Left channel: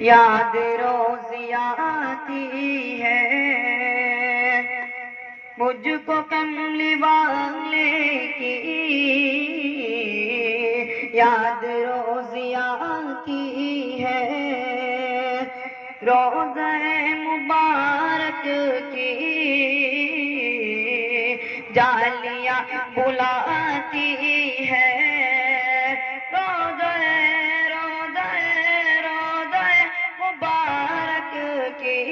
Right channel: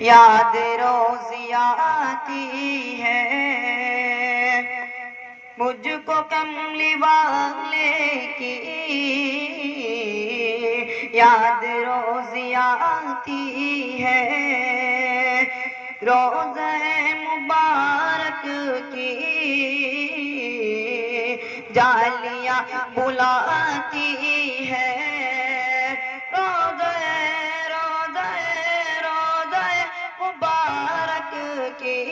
یاد روز آتی ہے مجھ کو کملی والے کی، یاد روز آتی ہے روضہ مبارک کی، جالیاں بلاتی ہے روضہ مبارک کی،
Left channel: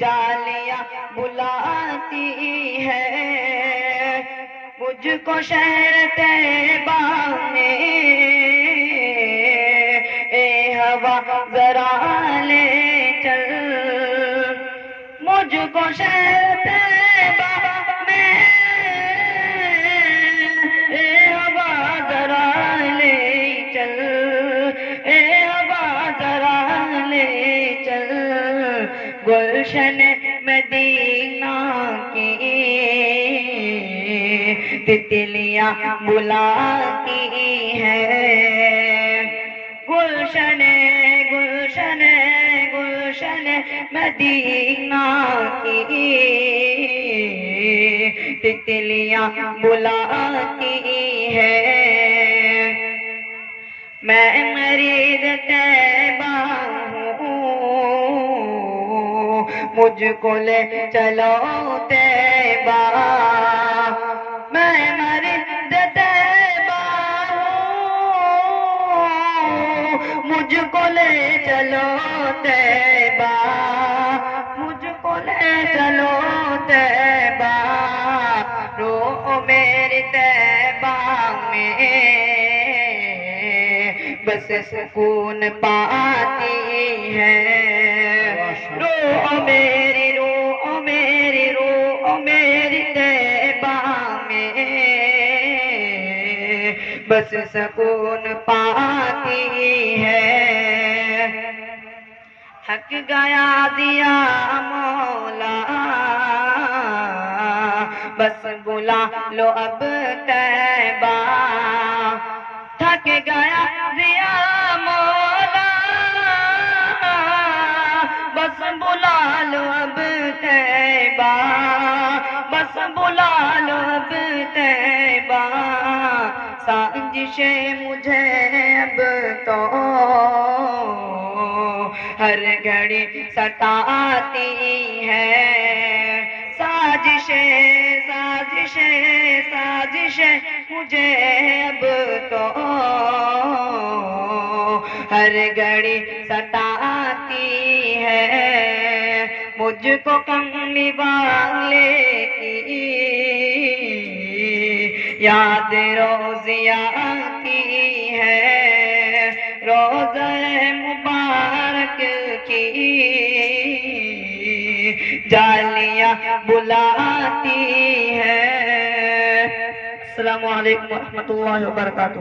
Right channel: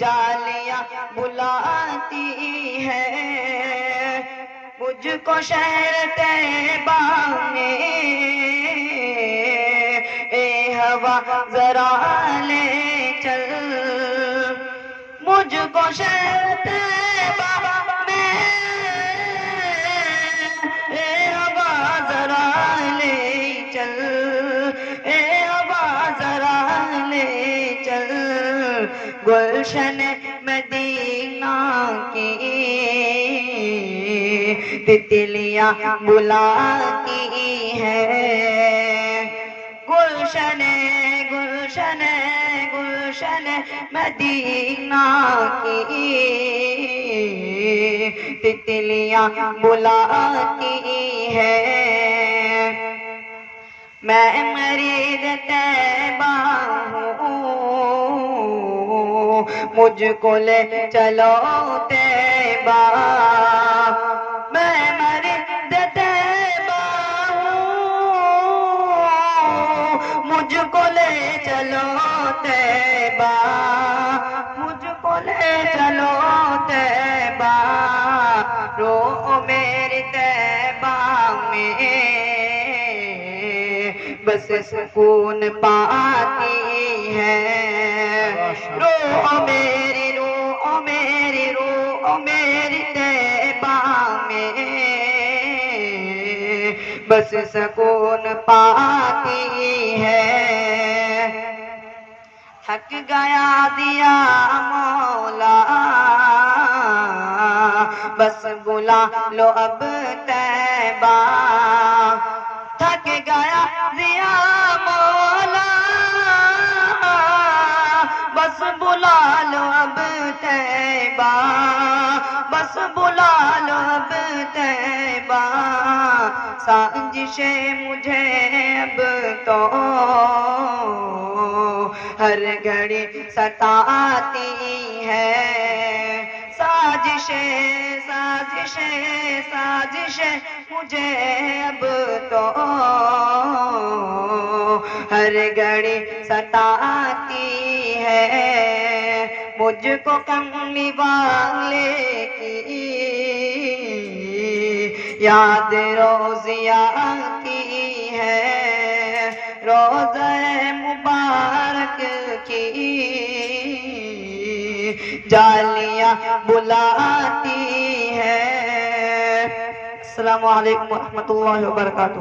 جالیاں بلاتی ہے مجھ کو شہر طیبہ میں، اے ہوا ذرا لے چل، مجھ کو شہر طیبہ میں، اے ہوا ذرا لے چل، اے ہوا ذرا لے چل، گلشن مدینہ کی تتلیاں بلاتی ہے، گلشن گلشن گلشن مدینہ کی تتلیاں بلاتی ہے، میں مرید طیبہ ہوں مجھ کو لے چلو طیبہ، میں مرید طیبہ ہوں مجھ کو لے چلو طیبہ، مجھ کو لے چلو طیبہ، رو میرے طیبہ میں بس سکون پاتی ہے، رو میری رو میری رو میری طیبہ میں بس سکون پاتی ہے، تھک گیا دیا مولا بس بلا لو اب طیبہ، تھک گیا دیا مولا بس بلا لو اب طیبہ، بس بلا لو اب طیبہ، سازشیں مجھے اب تو ہر گھڑی ستاتی ہے، سازشیں سازشیں سازشیں مجھے اب تو ہر گھڑی ستاتی ہے، مجھ کو کملی والے کی یاد روز آتی ہے، روضہ مبارک کی جالیاں بلاتی ہے۔ السلام علیکم ورحمۃ اللہ وبرکاتہ۔